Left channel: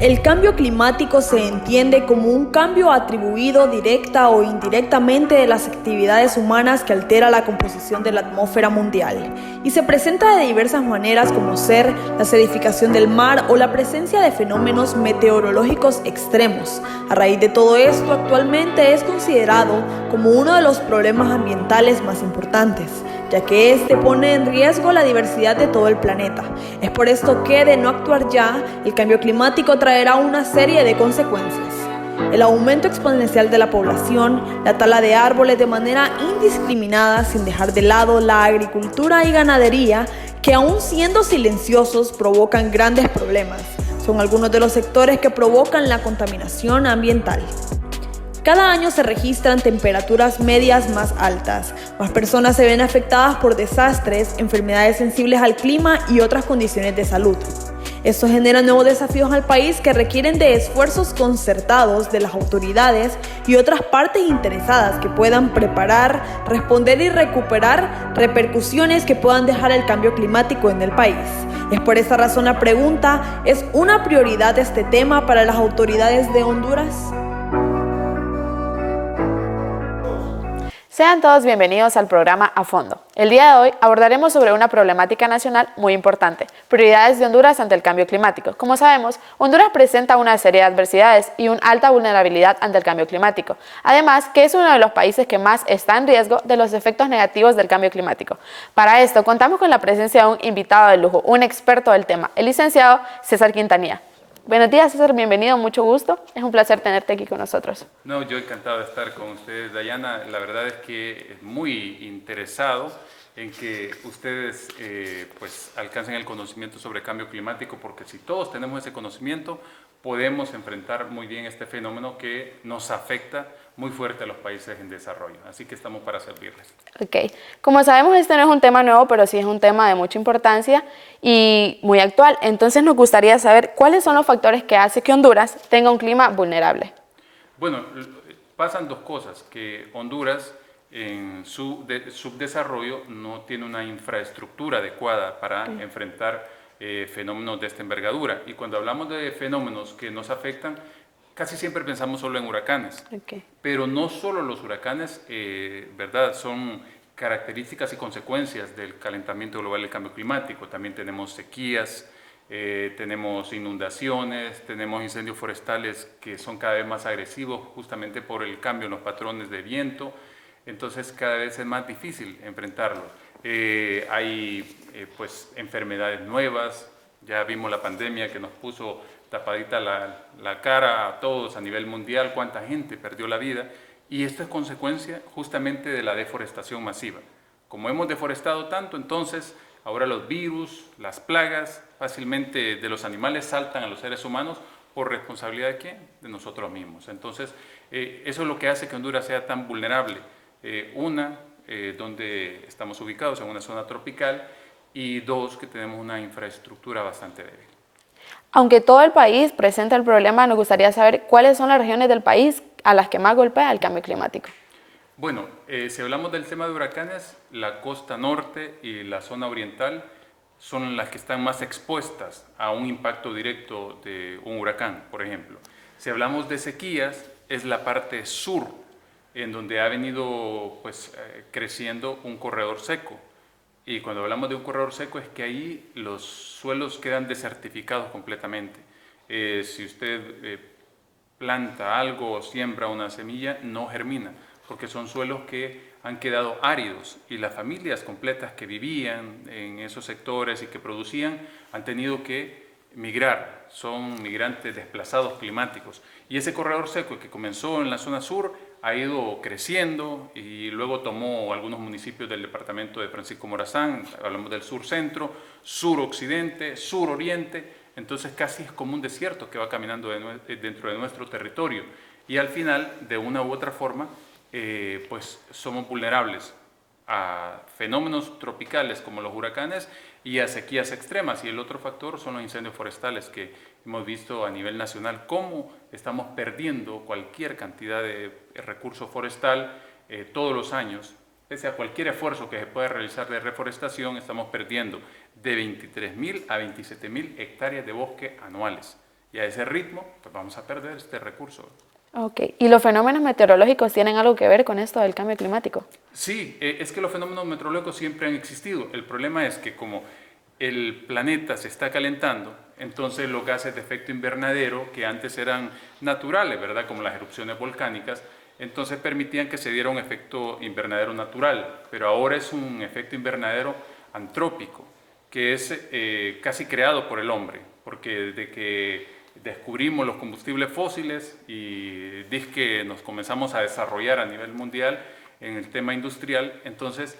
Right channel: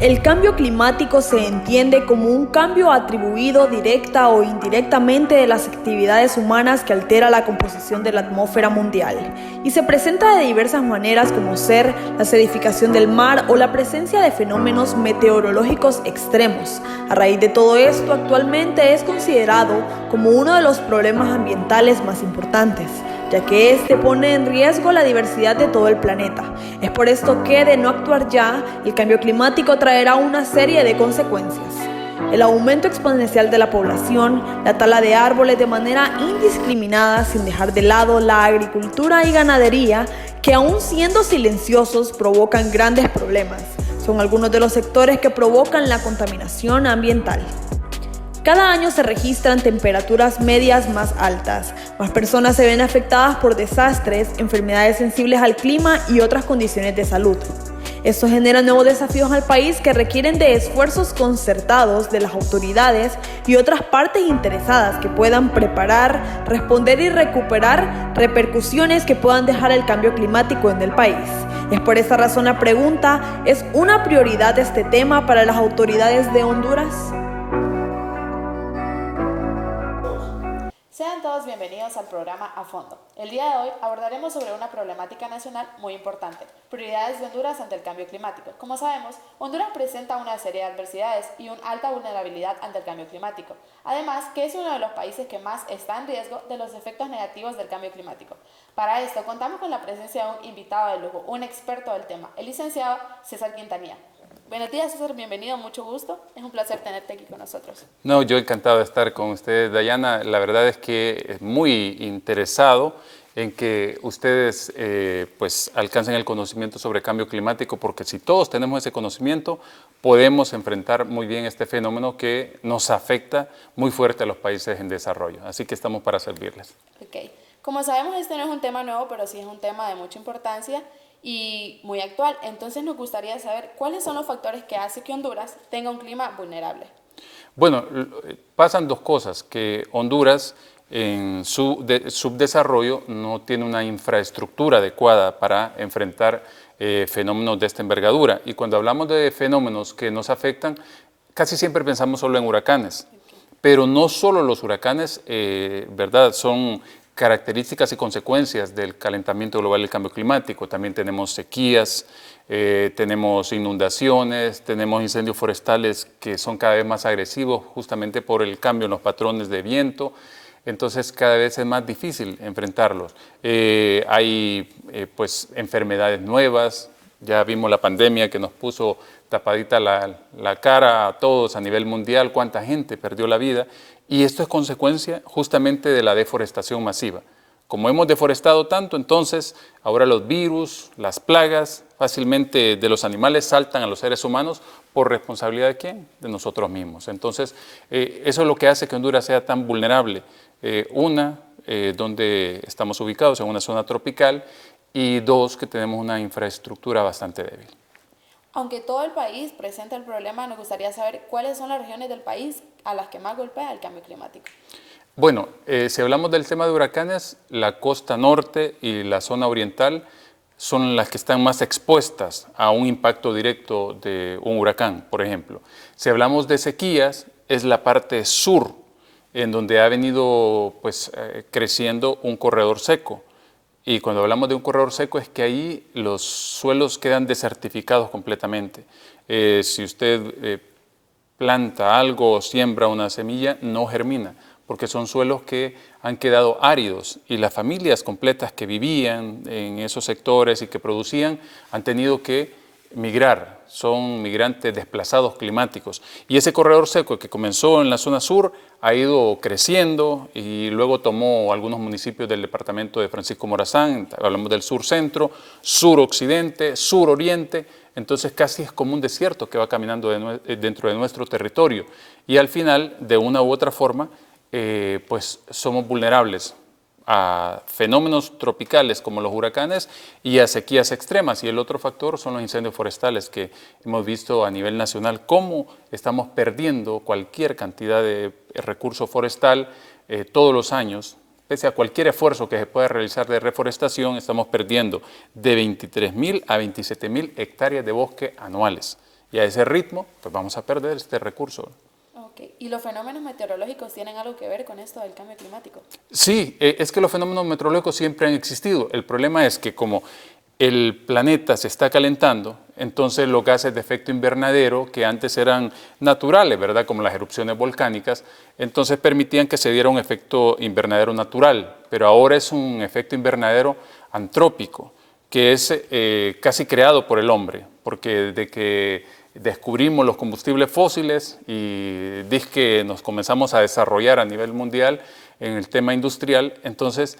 El cambio climático se entiende como un cambio atribuido directa o indirectamente de las actividades humanas que altera la composición de la atmósfera mundial y se presenta de diversas maneras como ser la acidificación del mar o la presencia de fenómenos meteorológicos extremos. A raíz de todo esto, actualmente es considerado como uno de los problemas ambientales más importantes, ya que este pone en riesgo la diversidad de todo el planeta. Es por esto que, de no actuar ya, el cambio climático traerá una serie de consecuencias. El aumento exponencial de la población, la tala de árboles de manera indiscriminada sin dejar de lado la agricultura y ganadería, que aún siendo silenciosos provocan grandes problemas. Son algunos de los sectores que provocan la contaminación ambiental. Cada año se registran temperaturas medias más altas, más personas se ven afectadas por desastres, enfermedades sensibles al clima y otras condiciones de salud. Esto genera nuevos desafíos al país que requieren de esfuerzos concertados de las autoridades y otras partes interesadas que puedan preparar, responder y recuperar repercusiones que puedan dejar el cambio climático en el país. Es por esa razón la pregunta: ¿es una prioridad este tema para las autoridades de Honduras? Sean todos bienvenidos al programa A Fondo. El día de hoy abordaremos sobre una problemática nacional muy importante, prioridades de Honduras ante el cambio climático. Como sabemos, Honduras presenta una serie de adversidades y una alta vulnerabilidad ante el cambio climático. Además, que es uno de los países que más está en riesgo de los efectos negativos del cambio climático. Para esto, contamos con la presencia de un invitado de lujo, un experto del tema, el licenciado César Quintanilla. Buenos días, César, bienvenido, mucho gusto. Es un placer tenerte aquí con nosotros. No, yo encantado de estar con ustedes, Dayana. La verdad es que es muy interesado en que ustedes pues alcancen el conocimiento sobre cambio climático, porque si todos tenemos ese conocimiento, podemos enfrentar muy bien este fenómeno que nos afecta muy fuerte a los países en desarrollo. Así que estamos para servirles. Ok. Como sabemos, este no es un tema nuevo, pero sí es un tema de mucha importancia y muy actual. Entonces nos gustaría saber cuáles son los factores que hacen que Honduras tenga un clima vulnerable. Bueno, pasan dos cosas, que Honduras en su subdesarrollo no tiene una infraestructura adecuada para enfrentar fenómenos de esta envergadura. Y cuando hablamos de fenómenos que nos afectan, casi siempre pensamos solo en huracanes. Pero no solo los huracanes, ¿verdad?, son características y consecuencias del calentamiento global y el cambio climático. También tenemos sequías, tenemos inundaciones, tenemos incendios forestales que son cada vez más agresivos justamente por el cambio en los patrones de viento. Entonces cada vez es más difícil enfrentarlos. Hay pues enfermedades nuevas, ya vimos la pandemia que nos puso tapadita la cara a todos a nivel mundial, cuánta gente perdió la vida, y esto es consecuencia justamente de la deforestación masiva. Como hemos deforestado tanto, entonces ahora los virus, las plagas fácilmente de los animales saltan a los seres humanos. ¿Por responsabilidad de quién? De nosotros mismos. Entonces eso es lo que hace que Honduras sea tan vulnerable. Donde estamos ubicados en una zona tropical, y dos, que tenemos una infraestructura bastante débil. Aunque todo el país presenta el problema, nos gustaría saber cuáles son las regiones del país a las que más golpea el cambio climático. Bueno, si hablamos del tema de huracanes, la costa norte y la zona oriental son las que están más expuestas a un impacto directo de un huracán, por ejemplo. Si hablamos de sequías, es la parte sur, en donde ha venido pues, creciendo un corredor seco. Y cuando hablamos de un corredor seco es que ahí los suelos quedan desertificados completamente. Si usted planta algo o siembra una semilla, no germina, porque son suelos que han quedado áridos, y las familias completas que vivían en esos sectores y que producían han tenido que migrar, son migrantes desplazados climáticos. Y ese corredor seco que comenzó en la zona sur ha ido creciendo y luego tomó algunos municipios del departamento de Francisco Morazán, hablamos del sur centro, sur occidente, sur oriente. Entonces casi es como un desierto que va caminando dentro de nuestro territorio, y al final, de una u otra forma, pues somos vulnerables a fenómenos tropicales como los huracanes y a sequías extremas. Y el otro factor son los incendios forestales, que hemos visto a nivel nacional cómo estamos perdiendo cualquier cantidad de recurso forestal todos los años. Pese a cualquier esfuerzo que se pueda realizar de reforestación, estamos perdiendo de 23.000 a 27.000 hectáreas de bosque anuales. Y a ese ritmo, pues vamos a perder este recurso. Ok, ¿y los fenómenos meteorológicos tienen algo que ver con esto del cambio climático? Sí, es que los fenómenos meteorológicos siempre han existido. El problema es que como el planeta se está calentando, entonces los gases de efecto invernadero, que antes eran naturales, ¿verdad? Como las erupciones volcánicas, entonces permitían que se diera un efecto invernadero natural, pero ahora es un efecto invernadero antrópico, que es casi creado por el hombre, porque desde que descubrimos los combustibles fósiles y que nos comenzamos a desarrollar a nivel mundial en el tema industrial, entonces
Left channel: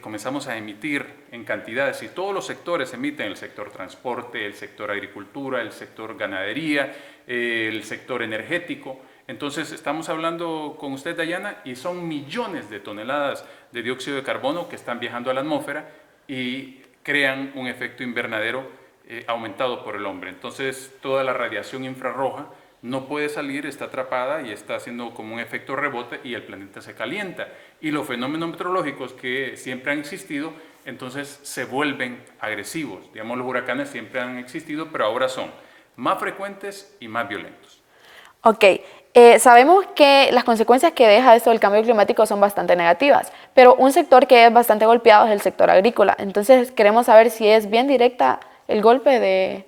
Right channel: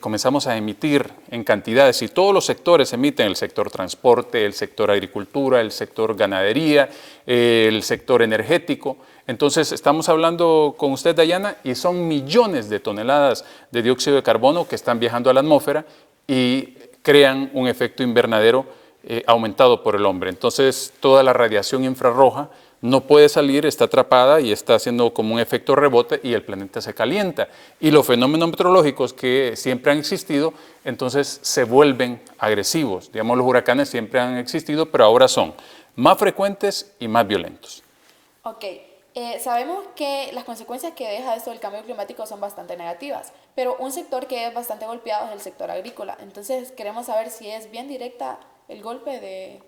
comenzamos a emitir en cantidades y todos los sectores emiten, el sector transporte, el sector agricultura, el sector ganadería, el sector energético. Entonces estamos hablando con usted, Dayana, y son millones de toneladas de dióxido de carbono que están viajando a la atmósfera y crean un efecto invernadero aumentado por el hombre. Entonces toda la radiación infrarroja no puede salir, está atrapada y está haciendo como un efecto rebote y el planeta se calienta. Y los fenómenos meteorológicos que siempre han existido, entonces se vuelven agresivos. Digamos, los huracanes siempre han existido, pero ahora son más frecuentes y más violentos. Ok, sabemos que las consecuencias que deja esto del cambio climático son bastante negativas, pero un sector que es bastante golpeado es el sector agrícola. Entonces queremos saber si es bien directa el golpe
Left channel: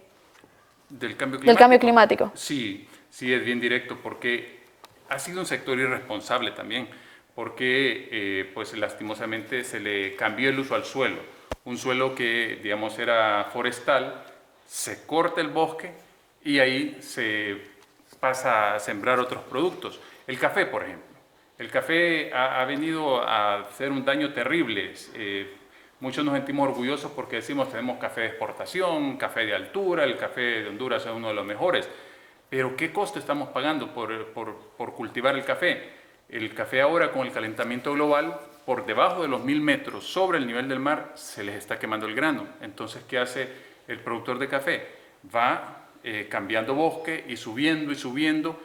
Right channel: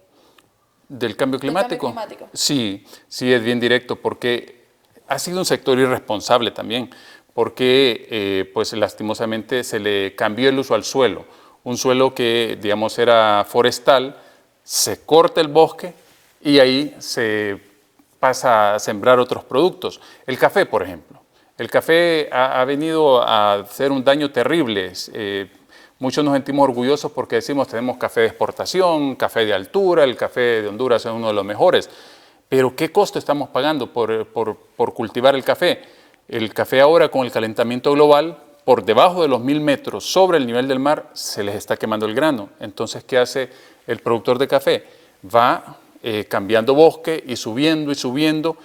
¿Del cambio climático? del cambio climático. Sí, sí es bien directo porque ha sido un sector irresponsable también, porque pues lastimosamente se le cambió el uso al suelo. Un suelo que, digamos, era forestal, se corta el bosque y ahí se pasa a sembrar otros productos. El café, por ejemplo. El café ha venido a hacer un daño terrible. Muchos nos sentimos orgullosos porque decimos tenemos café de exportación, café de altura, el café de Honduras es uno de los mejores. Pero ¿qué costo estamos pagando por cultivar el café? El café ahora con el calentamiento global, por debajo de los 1000 metros sobre el nivel del mar, se les está quemando el grano. Entonces, ¿qué hace el productor de café? Va cambiando bosque y subiendo,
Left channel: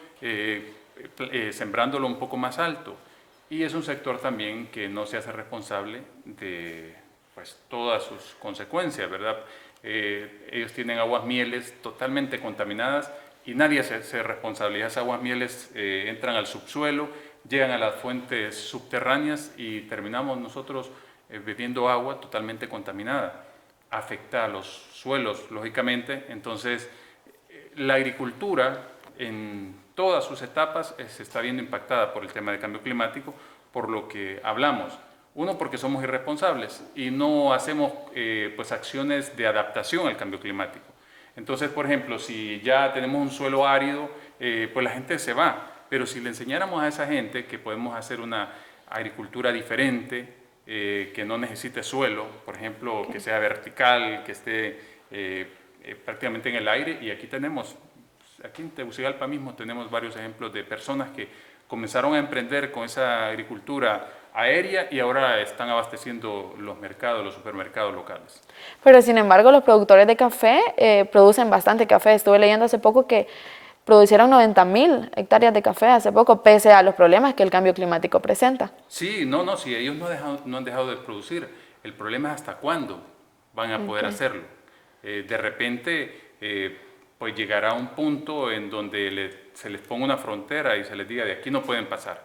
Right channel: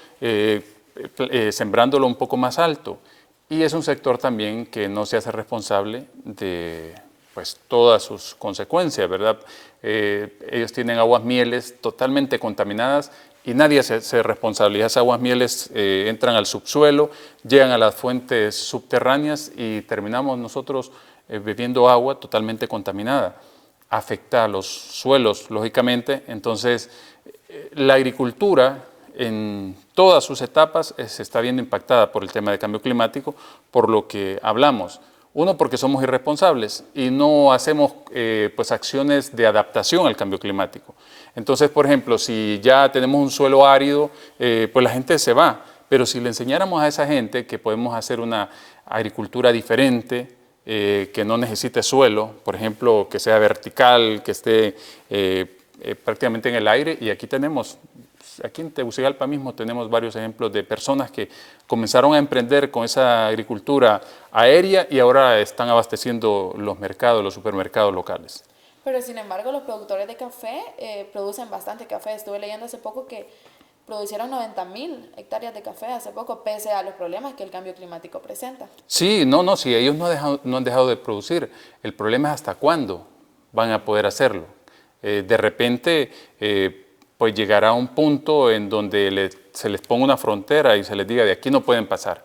sembrándolo un poco más alto. Y es un sector también que no se hace responsable de pues todas sus consecuencias, ¿verdad? Ellos tienen aguas mieles totalmente contaminadas y nadie se hace responsable. Esas aguas mieles entran al subsuelo, llegan a las fuentes subterráneas y terminamos nosotros bebiendo agua totalmente contaminada. Afecta a los suelos, lógicamente. Entonces, la agricultura en todas sus etapas se está viendo impactada por el tema de cambio climático, por lo que hablamos. Uno, porque somos irresponsables y no hacemos pues acciones de adaptación al cambio climático. Entonces, por ejemplo, si ya tenemos un suelo árido, pues la gente se va. Pero si le enseñáramos a esa gente que podemos hacer una agricultura diferente, que no necesite suelo, por ejemplo, que sea vertical, que esté prácticamente en el aire, y aquí tenemos... Aquí en Tegucigalpa mismo tenemos varios ejemplos de personas que comenzaron a emprender con esa agricultura aérea y ahora están abasteciendo los mercados, los supermercados locales. Pero sin embargo, los productores de café producen bastante café. Estuve leyendo hace poco que producieron 90.000 hectáreas de café hace poco, pese a los problemas que el cambio climático presenta. Sí, sí, ellos no han dejado de producir. El problema es hasta cuándo van a poder hacerlo. De repente... pues llegará a un punto en donde se les ponga una frontera y se les diga de aquí no pueden pasar.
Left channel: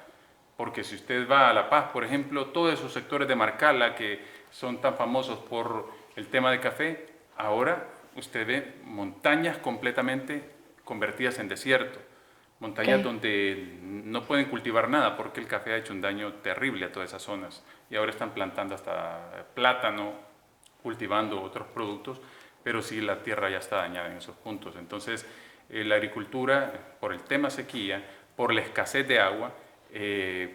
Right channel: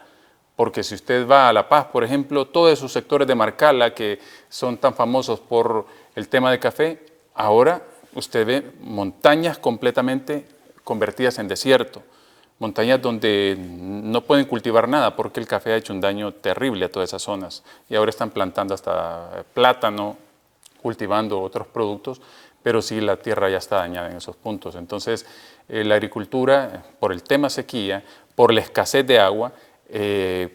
Porque si usted va a La Paz, por ejemplo, todos esos sectores de Marcala que son tan famosos por el tema de café, ahora usted ve montañas completamente convertidas en desierto, montañas donde no pueden cultivar nada porque el café ha hecho un daño terrible a todas esas zonas y ahora están plantando hasta plátano, cultivando otros productos, pero sí la tierra ya está dañada en esos puntos. Entonces, la agricultura, por el tema sequía, por la escasez de agua,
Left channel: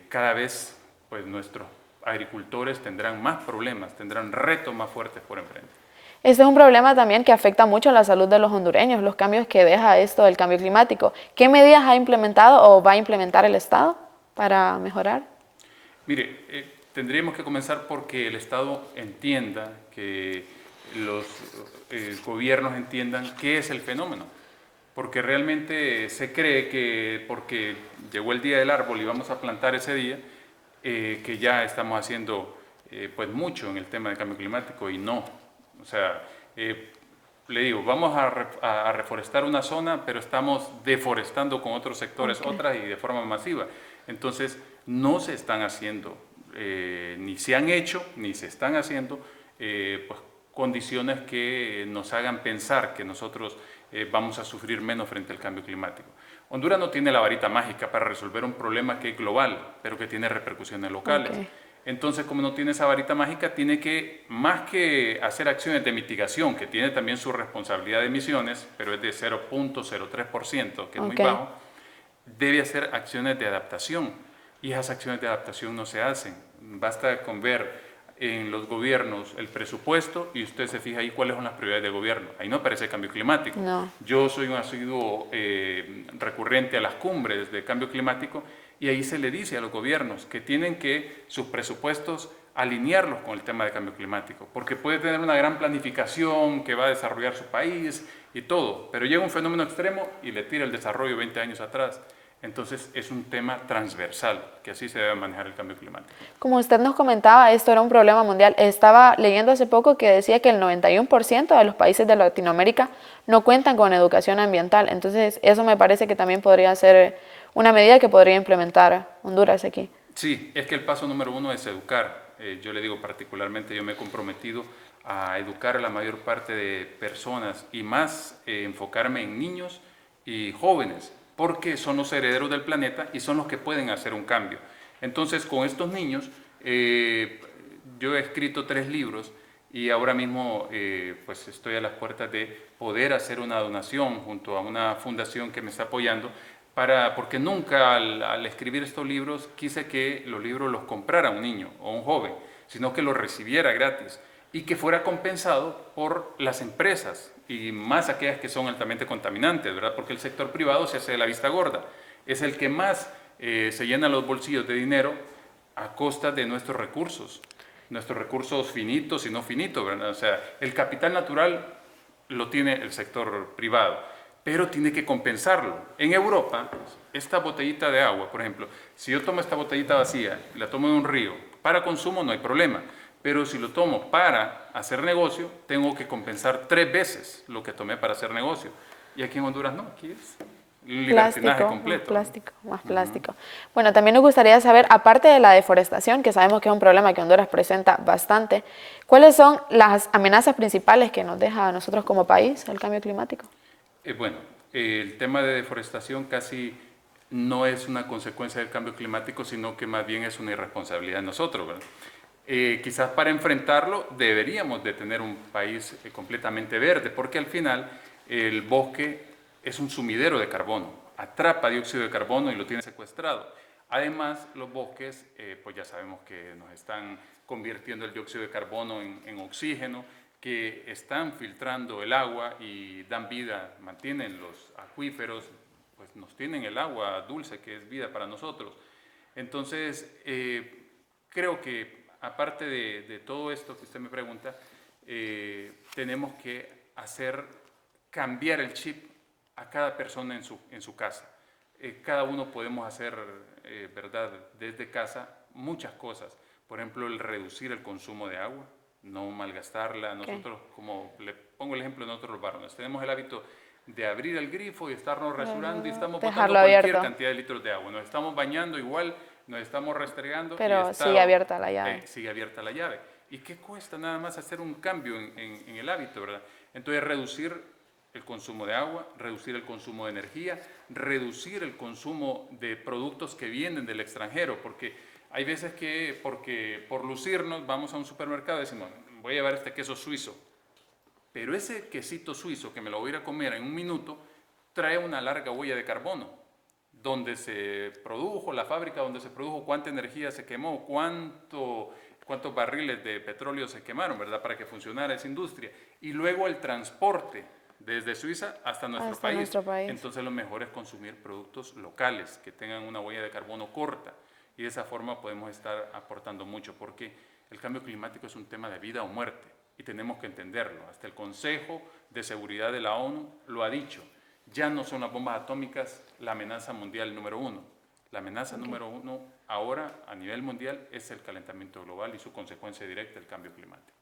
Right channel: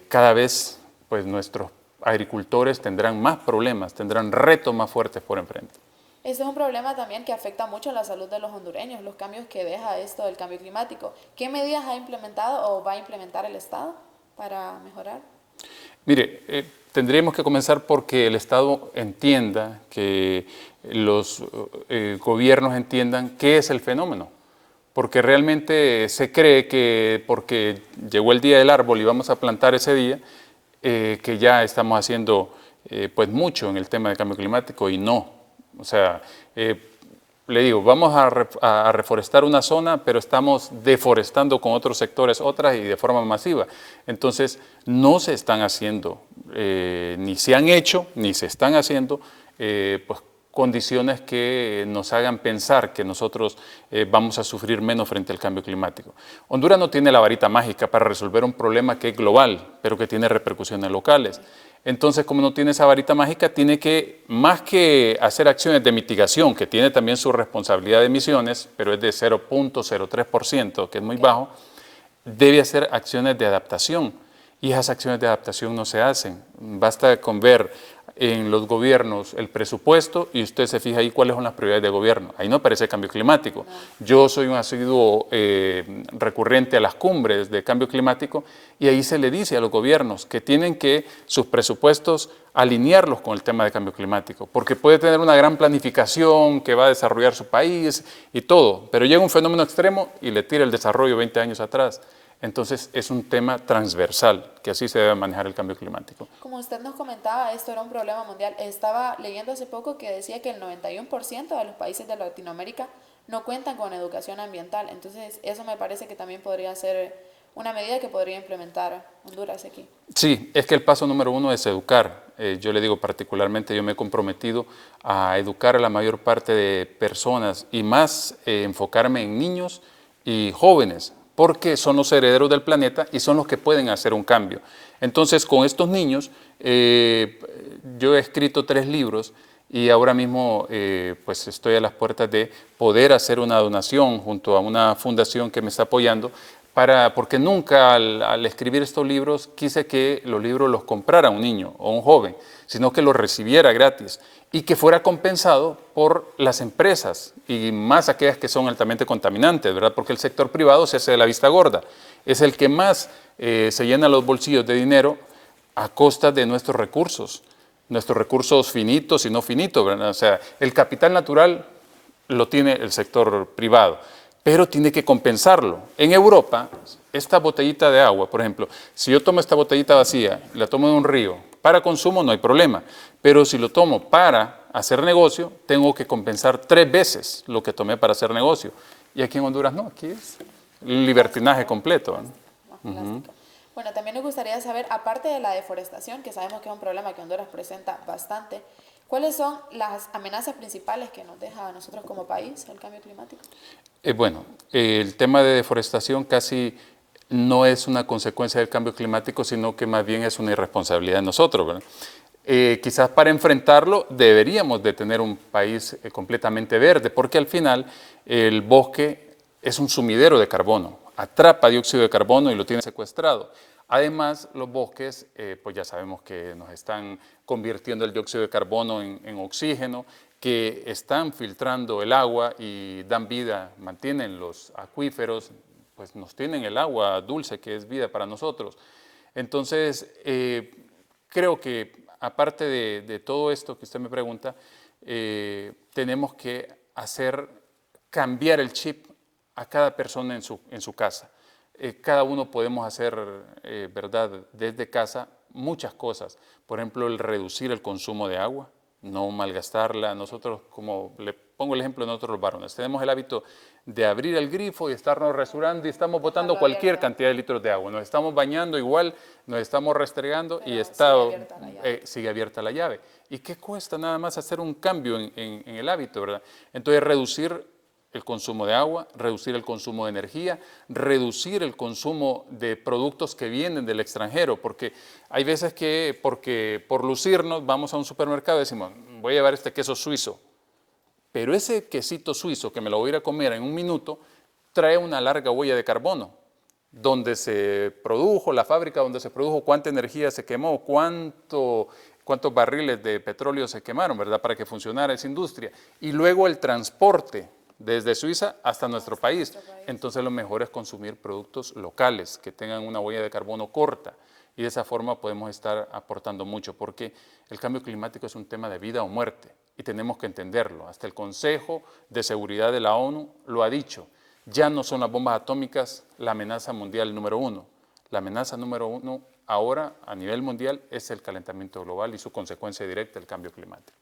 cada vez pues, nuestros agricultores tendrán más problemas, tendrán retos más fuertes por enfrente. Este es un problema también que afecta mucho a la salud de los hondureños, los cambios que deja esto del cambio climático. ¿Qué medidas ha implementado o va a implementar el Estado para mejorar? Mire, tendríamos que comenzar porque el Estado entienda que los gobiernos entiendan qué es el fenómeno, porque realmente se cree que porque llegó el día del árbol y vamos a plantar ese día, que ya estamos haciendo pues mucho en el tema del cambio climático y no. O sea, le digo, vamos a reforestar una zona, pero estamos deforestando con otros sectores otras y de forma masiva. Entonces, no se están haciendo, ni se han hecho, ni se están haciendo, pues, condiciones que nos hagan pensar que nosotros vamos a sufrir menos frente al cambio climático. Honduras no tiene la varita mágica para resolver un problema que es global, pero que tiene repercusiones locales. Okay. Entonces, como no tiene esa varita mágica, tiene que, más que hacer acciones de mitigación, que tiene también su responsabilidad de emisiones, pero es de 0.03%, que es muy bajo, debe hacer acciones de adaptación. Y esas acciones de adaptación no se hacen. Basta con ver en los gobiernos el presupuesto y usted se fija ahí cuáles son las prioridades de gobierno. Ahí no aparece cambio climático. No. Yo soy un asiduo recurrente a las cumbres de cambio climático y ahí se le dice a los gobiernos que tienen que sus presupuestos alinearlos con el tema de cambio climático, porque puede tener una gran planificación que va a desarrollar su país y todo, pero llega un fenómeno extremo y le tira el desarrollo 20 años atrás. Entonces es un tema transversal, que así se debe manejar el cambio climático. Como usted nos comentaba, esto era un problema mundial. Estaba leyendo hace poco que decía que el 91% de los países de Latinoamérica no cuentan con educación ambiental. Entonces eso me parece que también podría ser una medida que podría implementar Honduras aquí. Sí, es que el paso número uno es educar. Yo le digo particularmente, yo me he comprometido a educar a la mayor parte de personas y más enfocarme en niños y jóvenes, porque son los herederos del planeta y son los que pueden hacer un cambio. Entonces, con estos niños, yo he escrito 3 libros y ahora mismo pues estoy a las puertas de poder hacer una donación junto a una fundación que me está apoyando, porque nunca al escribir estos libros quise que los libros los comprara un niño o un joven, sino que los recibiera gratis y que fuera compensado por las empresas y más aquellas que son altamente contaminantes, ¿verdad? Porque el sector privado se hace de la vista gorda, es el que más se llena los bolsillos de dinero a costa de nuestros recursos finitos y no finitos, ¿verdad? O sea, el capital natural lo tiene el sector privado, pero tiene que compensarlo. En Europa, esta botellita de agua, por ejemplo, si yo tomo esta botellita vacía y la tomo de un río, para consumo no hay problema, pero si lo tomo para hacer negocio, tengo que compensar 3 veces lo que tomé para hacer negocio. Y aquí en Honduras no, aquí es libertinaje completo. Más plástico. Bueno, también nos gustaría saber, aparte de la deforestación, que sabemos que es un problema que Honduras presenta bastante, ¿cuáles son las amenazas principales que nos deja a nosotros como país el cambio climático? Bueno, el tema de deforestación casi no es una consecuencia del cambio climático, sino que más bien es una irresponsabilidad de nosotros, ¿verdad? Quizás para enfrentarlo deberíamos de tener un país completamente verde, porque al final el bosque es un sumidero de carbono, atrapa dióxido de carbono y lo tiene secuestrado. Además, los bosques, pues ya sabemos que nos están convirtiendo el dióxido de carbono en oxígeno, que están filtrando el agua y dan vida, mantienen los acuíferos, pues nos tienen el agua dulce que es vida para nosotros. Entonces, creo que aparte de todo esto que usted me pregunta, tenemos que cambiar el chip a cada persona en su casa. Cada uno podemos hacer, ¿verdad?, desde casa muchas cosas. Por ejemplo, el reducir el consumo de agua, no malgastarla. Nosotros, como le pongo el ejemplo de nosotros los varones, tenemos el hábito de abrir el grifo y estarnos rasurando y estamos botando cualquier cantidad de litros de agua. Nos estamos bañando igual, nos estamos restregando y sigue abierta la llave. Sigue abierta la llave. ¿Y qué cuesta nada más hacer un cambio en el hábito, verdad? Entonces, reducir el consumo de agua, reducir el consumo de energía, reducir el consumo de productos que vienen del extranjero, porque hay veces que por lucirnos vamos a un supermercado y decimos, voy a llevar este queso suizo, pero ese quesito suizo que me lo voy a ir a comer en un minuto trae una larga huella de carbono, donde se produjo, la fábrica donde se produjo, cuánta energía se quemó, cuántos barriles de petróleo se quemaron, ¿verdad?, para que funcionara esa industria, y luego el transporte desde Suiza hasta nuestro país. Entonces lo mejor es consumir productos locales que tengan una huella de carbono corta y de esa forma podemos estar aportando mucho porque el cambio climático es un tema de vida o muerte y tenemos que entenderlo. Hasta el Consejo de Seguridad de la ONU lo ha dicho. Ya no son las bombas atómicas la amenaza mundial número 1. La amenaza número 1 ahora a nivel mundial es el calentamiento global y su consecuencia directa, el cambio climático.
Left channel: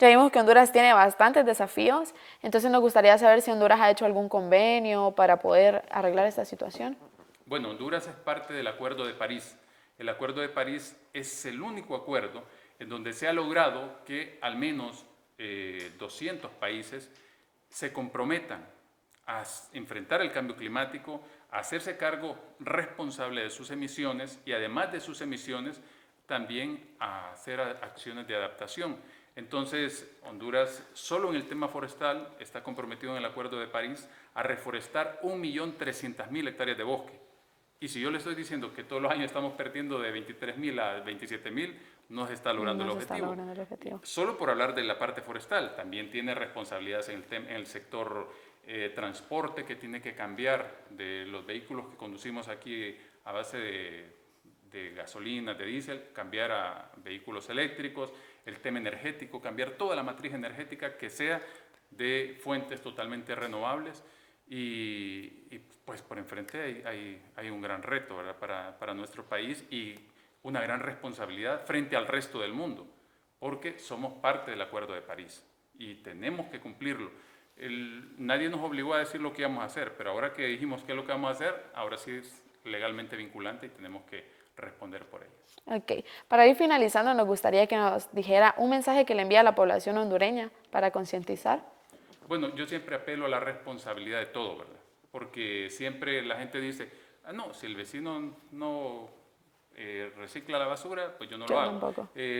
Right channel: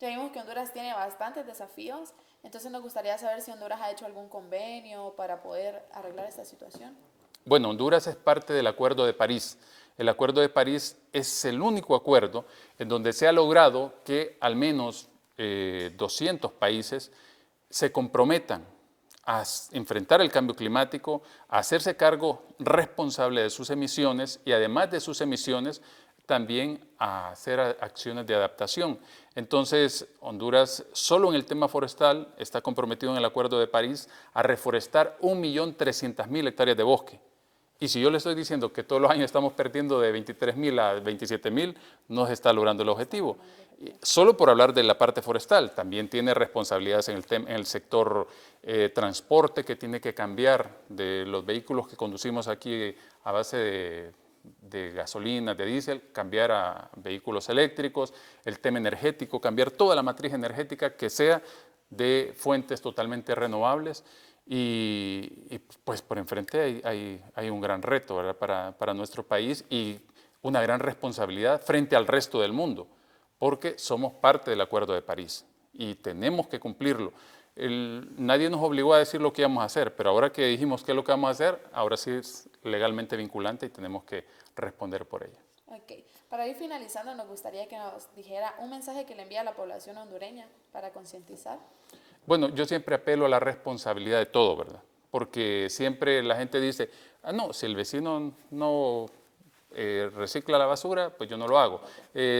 Ya vimos que Honduras tiene bastantes desafíos, entonces nos gustaría saber si Honduras ha hecho algún convenio para poder arreglar esta situación. Bueno, Honduras es parte del Acuerdo de París. El Acuerdo de París es el único acuerdo en donde se ha logrado que al menos 200 países se comprometan a enfrentar el cambio climático, a hacerse cargo responsable de sus emisiones y además de sus emisiones también a hacer acciones de adaptación. Entonces, Honduras solo en el tema forestal está comprometido en el Acuerdo de París a reforestar 1.300.000 hectáreas de bosque. Y si yo le estoy diciendo que todos los años estamos perdiendo de 23.000 a 27.000, no se está logrando el objetivo. Solo por hablar de la parte forestal, también tiene responsabilidades en el sector transporte, que tiene que cambiar de los vehículos que conducimos aquí a base de gasolina, de diésel, cambiar a vehículos eléctricos, el tema energético, cambiar toda la matriz energética que sea de fuentes totalmente renovables. Y pues por enfrente hay un gran reto, ¿verdad? Para nuestro país y una gran responsabilidad frente al resto del mundo, porque somos parte del Acuerdo de París y tenemos que cumplirlo. Nadie nos obligó a decir lo que íbamos a hacer, pero ahora que dijimos qué es lo que vamos a hacer, ahora sí es legalmente vinculante y tenemos que responder por ello. Ok, para ir finalizando nos gustaría que nos dijera un mensaje que le envía a la población hondureña para concientizar. Bueno, yo siempre apelo a la responsabilidad de todo, ¿verdad? Porque siempre la gente dice, ah, no, si el vecino no recicla la basura, pues yo no lo hago.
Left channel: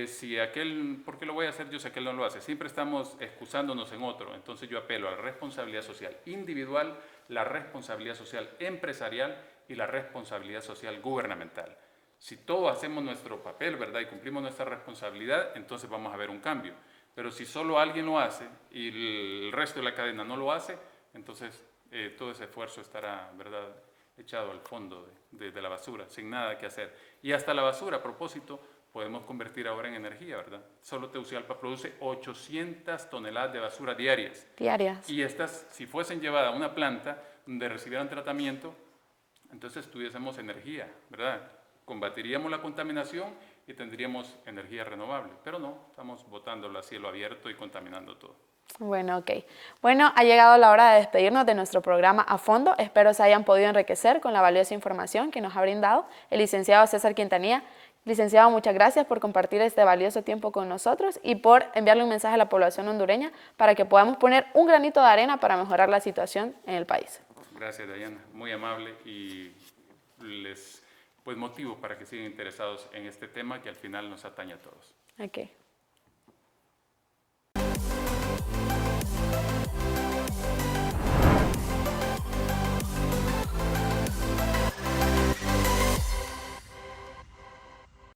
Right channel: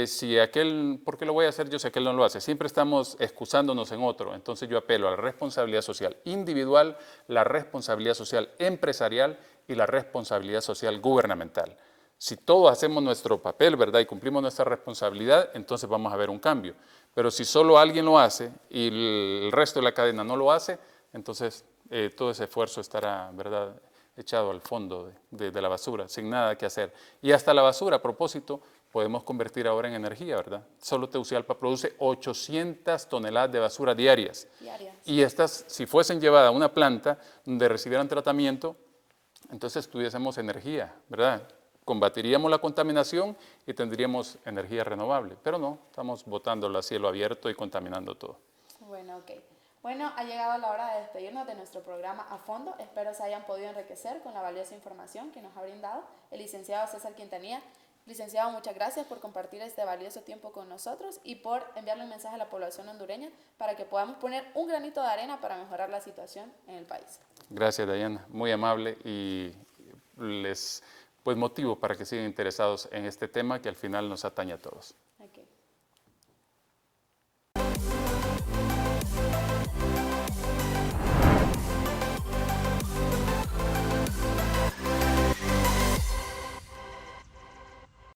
Si aquel, ¿por qué lo voy a hacer yo si aquel no lo hace? Siempre estamos excusándonos en otro. Entonces yo apelo a la responsabilidad social individual, la responsabilidad social empresarial y la responsabilidad social gubernamental. Si todos hacemos nuestro papel, ¿verdad? Y cumplimos nuestra responsabilidad, entonces vamos a ver un cambio. Pero si solo alguien lo hace y el resto de la cadena no lo hace, entonces todo ese esfuerzo estará, ¿verdad?, echado al fondo de la basura, sin nada que hacer. Y hasta la basura, a propósito, podemos convertir ahora en energía, ¿verdad? Solo Tegucigalpa produce 800 toneladas de basura diarias. Y estas, si fuesen llevadas a una planta donde recibieran tratamiento, entonces tuviésemos energía, ¿verdad? Combatiríamos la contaminación y tendríamos energía renovable, pero no, estamos botándola a cielo abierto y contaminando todo. Bueno, ok. Bueno, ha llegado la hora de despedirnos de nuestro programa A Fondo. Espero se hayan podido enriquecer con la valiosa información que nos ha brindado el licenciado César Quintanilla. Licenciado, muchas gracias por compartir este valioso tiempo con nosotros y por enviarle un mensaje a la población hondureña para que podamos poner un granito de arena para mejorar la situación en el país. Gracias, Dayana. Muy amable y les motivo para que sigan interesados en este tema que al final nos atañe a todos. Okay.